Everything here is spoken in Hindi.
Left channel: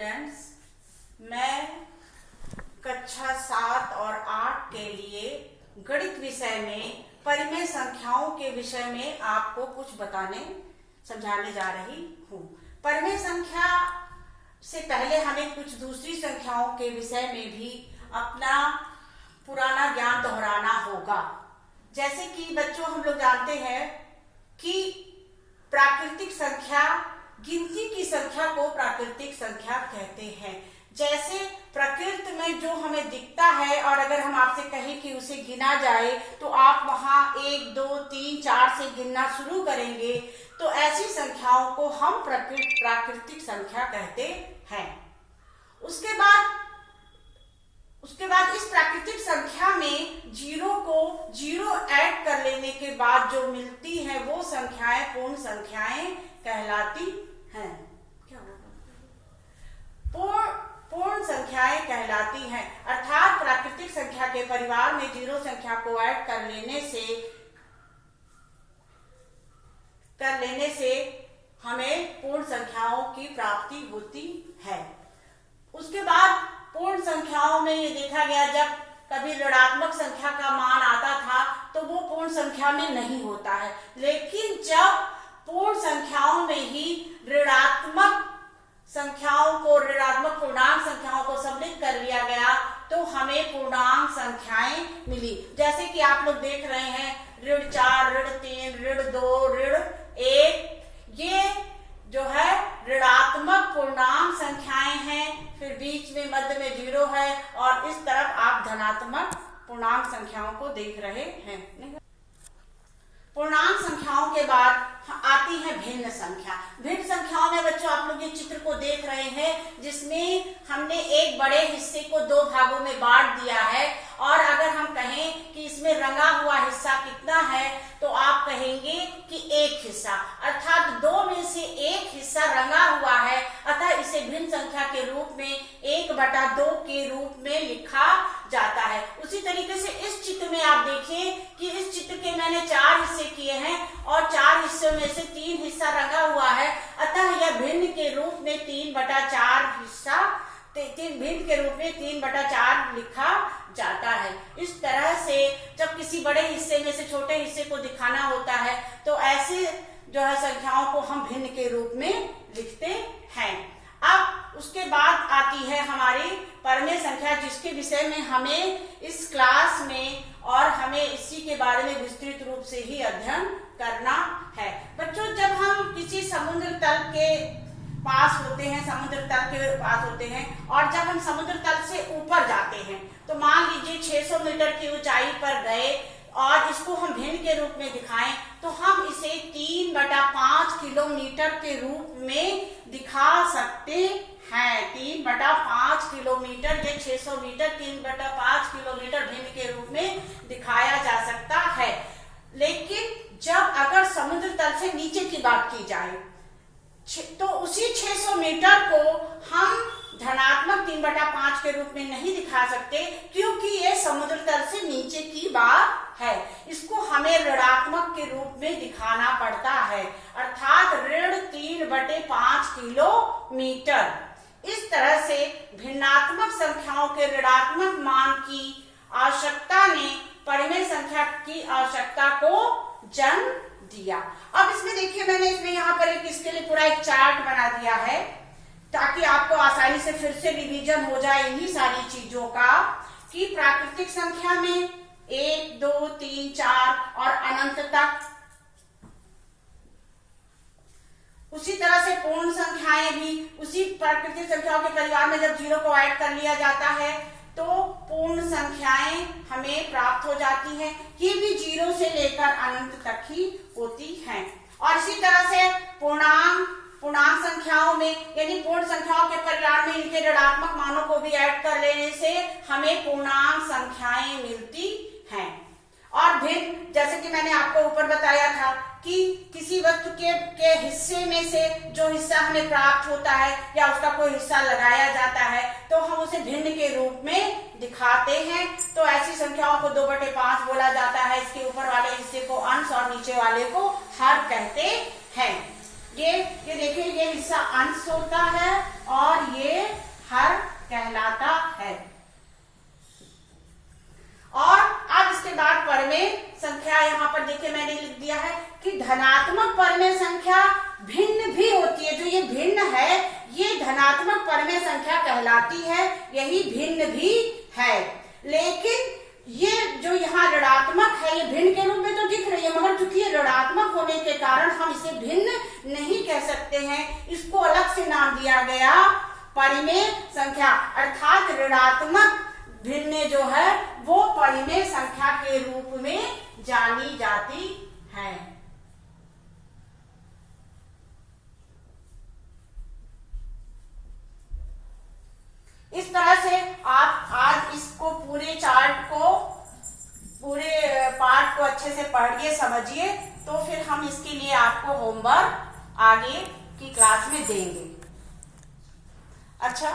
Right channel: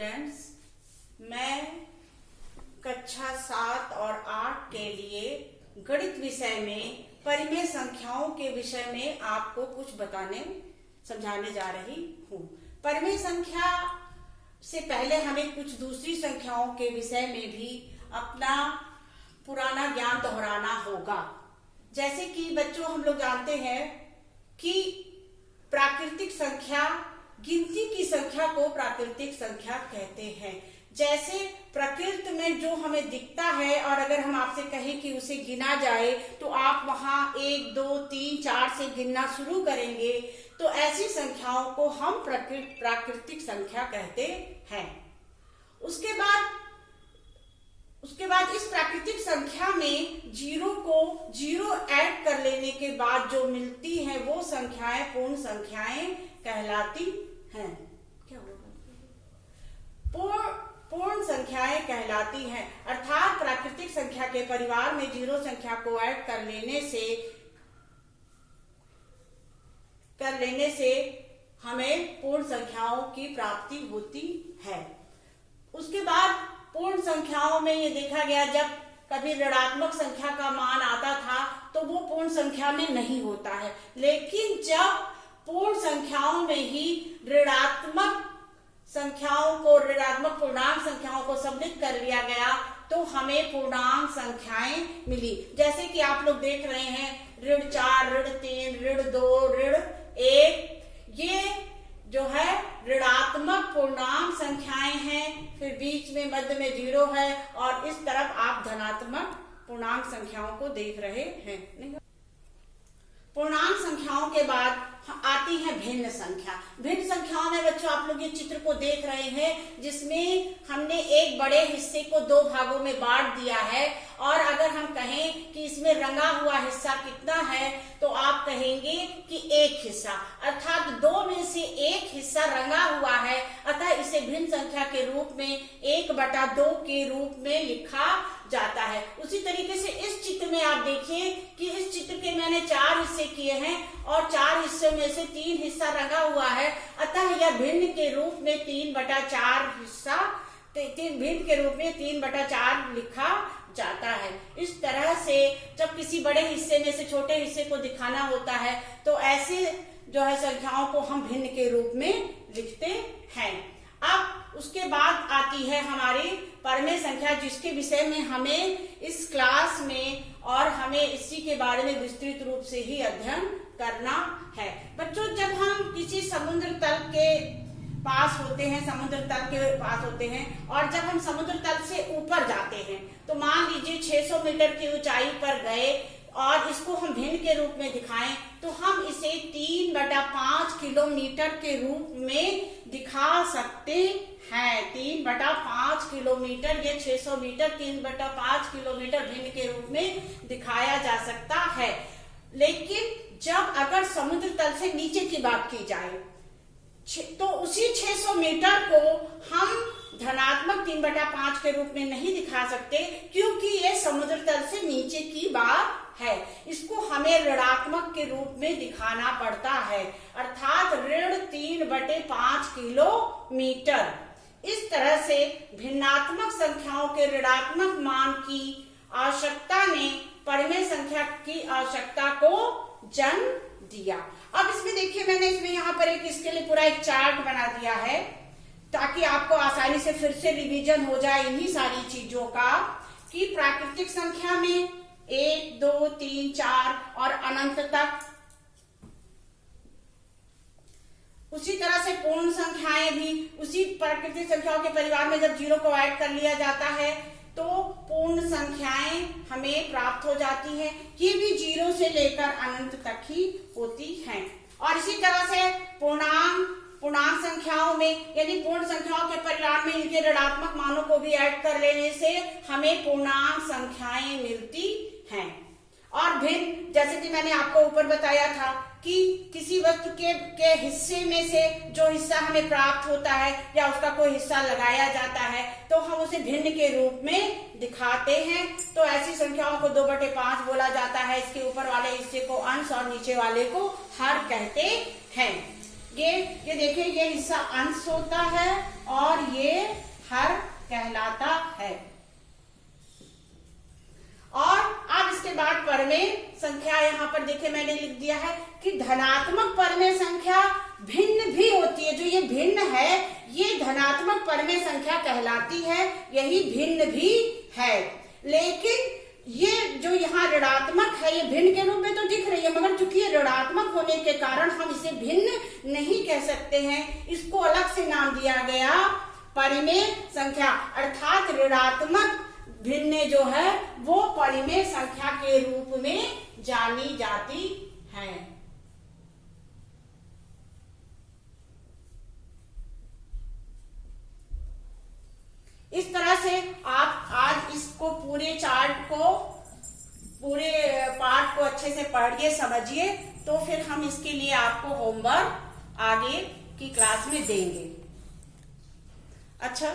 स्टूडेंट्स, मैं कक्षा 7 और 8 के लिए गणित विषय में परिमेय संख्याओं के विषय में आपको कुछ समझाने जा रही हूँ। परिमेय संख्या से पहले हमें कुछ दूसरी संख्याओं के विषय में भी अपना पुराना ज्ञान दोहराना होगा। जैसे कि बच्चों, हम लोग जानते हैं कि प्राकृतिक संख्या, गिनती की संख्या को प्राकृतिक संख्या कहते हैं। जैसे प्रकृति में जो हमें दिखता है और अगर हम आपसे कहें कि उसे गिना जाए तो आप वहां 1, 2, 3, 4 से गिनना शुरू करेंगे, तो ऐसी संख्याओं को हम प्राकृतिक संख्या कहते हैं। उसके बाद इस प्राकृतिक संख्या में जीरो ऐड कर लेने के बाद जो मिलती है वो संख्याएं पूर्ण संख्याएं कहलाती हैं। पूर्ण संख्याएं कहलाती हैं, अर्थात प्राकृतिक संख्या के परिवार में जीरो संख्या को ऐड कर लेने से हमें पूर्ण संख्याओं की प्राप्ति होती है। उसके बाद पूर्ण संख्याओं में ये देखा गया, जब कभी ऋणात्मक संख्या का मान आता था तो वो पूर्ण संख्या में नहीं होता है, लेकिन जब पूर्ण संख्याओं में ही ऋणात्मक पूर्णांक संख्याओं को सम्मिलित कर लिया गया तो हमें पूर्णांक संख्याएं मिली। जैसे कि आप लोग देख रहे हैं, ऋण 4, ऋण 3, ऋण 2, ऋण 1, ये जो है ऋणात्मक पूर्णांक संख्याएं हैं। फिर बीच में मध्य में 0 है और इस तरफ आप धनात्मक पूर्णांक संख्याओं को देख रहे हैं। पूर्णांक संख्याओं के बाद आती है भिन्न संख्या। भिन्न संख्याओं में बच्चों आप लोग ये चित्र को देख रहे हैं, जिसमें हमने एक बड़े हिस्से को 2 भागों में बांट दिया है। और अगर हम कहें कि इसमें रंगा हुआ हिस्सा कितना है तो आप कहेंगे कि 1 हिस्सा, अर्थात 2 में से 1 हिस्सा रंगा हुआ है। अतः इसे भिन्न संख्या के रूप में 1/2 के रूप में लिखा जाता है। उसी तरीके से इस चित्र में आप देखिए कि इस चित्र के मैंने 4 हिस्से किए हैं और 4 हिस्सों में से 3 हिस्सा रंगा हुआ है। अतः यह भिन्न के रूप में 3/4 हिस्सा, भिन्न के रूप में 3/4 लिखा जाता है। इस तरह से जब किसी बड़े हिस्से में से छोटे हिस्से को दिखाना होता है तो ऐसे जो है संख्याओं को हम भिन्न के रूप में लिखते हैं। अब उसके बाद आती है हमारी परिमेय संख्या, जिसके विषय में हमें इस क्लास में और हमें इसी के बारे में विस्तृत रूप से ही अध्ययन करना है। बच्चों, जब हम किसी समुद्र तल के पास होते हैं और जब हम समुद्र तल से ऊपर जाते हैं, तो मान लीजिए 600 मीटर की ऊंचाई पर गए और इसको हम भिन्न के रूप में दिखाएं तो हम इसे 3/5 किलोमीटर के रूप में दिखा सकते हैं। 3/5 किलोमीटर, ये 600 मीटर 3/5 किलोमीटर भिन्न के रूप में दिखाया जा सकता है। लेकिन जब अगर समुद्र तल से नीचे की बात की जाए तो उसी 600 मीटर को हम धनात्मक 3/5 के रूप में नहीं दिखा सकते, क्योंकि ये समुद्र तल से नीचे की बात है। इसको हमें ऋणात्मक के रूप में दिखाना पड़ता है, अर्थात ऋण 3/5 किलोमीटर। इस तरह से भिन्नात्मक संख्याओं के ऋणात्मक मान की आवश्यकता ने परिमेय संख्या की आवश्यकता को जन्म दिया। अब इसमें देखिए, मैंने इसमें यहाँ पर इसके लिए पूरा एक चार्ट बना दिया है ताकि आपको आसानी से फिर से रिवीजन हो जाए इन्हीं सारी चीजों का, कि प्राकृतिक संख्या में 1, 2, 3, 4 और अनंत तक। उसी तरह से पूर्ण संख्याएं भी उसी प्राकृतिक संख्याओं के परिवार में जब 0 को ऐड कर लिया जाता है तो पूर्ण संख्याएं हमें प्राप्त हो जाती है। ये भी 0 से लेकर अनंत तक ही होती हैं। और इसी तरह से पूर्णांक संख्याओं में, यानी पूर्ण संख्याओं के परिवार में इनके ऋणात्मक मानों को भी ऐड कर लेने से हमें पूर्णांक संख्याएं मिलती हैं। और भिन्न, जैसे कि मैंने आपको ऊपर बताया था कि किसी वस्तु के हिस्से में से जो हिस्सा हमें प्राप्त होता है या उसका कोई हिस्सा लगाया जाता है तो हम उसे भिन्न के रूप में दिखाते हैं। तो ऐसी संख्याओं को 2/5 बोला जाता है। इसके ऊपर वाले हिस्से को अंश और नीचे वाले को हर कहते हैं। ये देखिए, ये हिस्सा अंश होता है और ये परिमेय संख्या कहलाती है, यही भिन्न भी है। लेकिन ये जो यहाँ ऋणात्मक है ये भिन्न के रूप में तो दिख रही है, मगर चूंकि ये ऋणात्मक होने के कारण हम इसे भिन्न नहीं कह सकते हैं, इसको अलग से नाम दिया गया परिमेय संख्या। अर्थात ऋणात्मक भिन्न जो है वो परिमेय संख्या के रूप में जानी जाती है। इस तरह से आप आज इसको पूरे चार्ट को, पूरे पार्ट को अच्छे से पढ़िए, समझिए, तो फिर हम इसके लिए आपको होमवर्क आगे की क्लास में देंगे। अच्छा।